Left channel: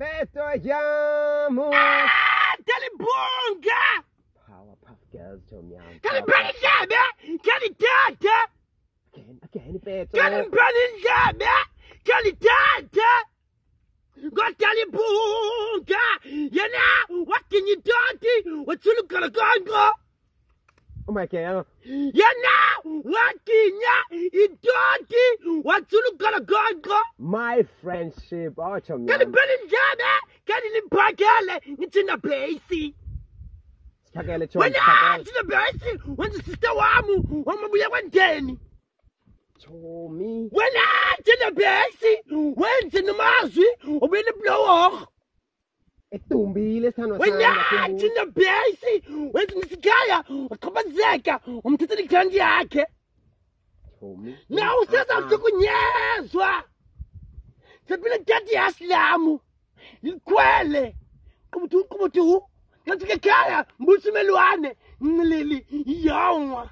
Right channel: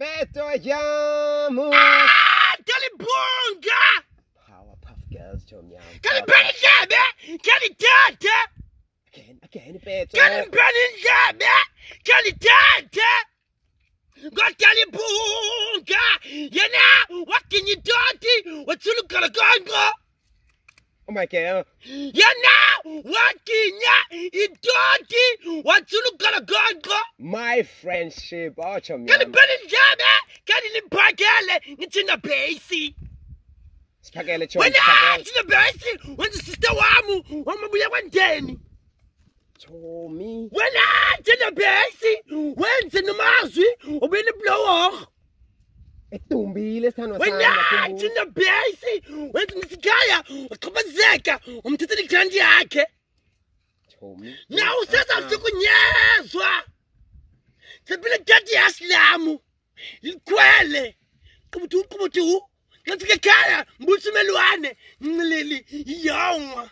Beto Jamu. Kalibunga. Powerpuff Girls, Tommy. Kalibunga. Kalitata. Again, Beto. Kalibunga. Kalitata. Got Kalibunga. You know, what can you do? What's you look at a Oh my God. You know, what can you do? What's you look at a My friendship, oh, Tommy. Kalibunga. Kalibunga. It's in a base. Spaghetti, When I to the base, when the sister Wamu, one day. Tommy. When I to the base, when to the Mazi, or when the blower. When I to the base, when the Gaya, or Kabazeka, to the Candiake. Now, says I'm talking, yes, the Billy Aslamu, you quelle, come to, let's get Kaya, Busmeluane, Lily, young.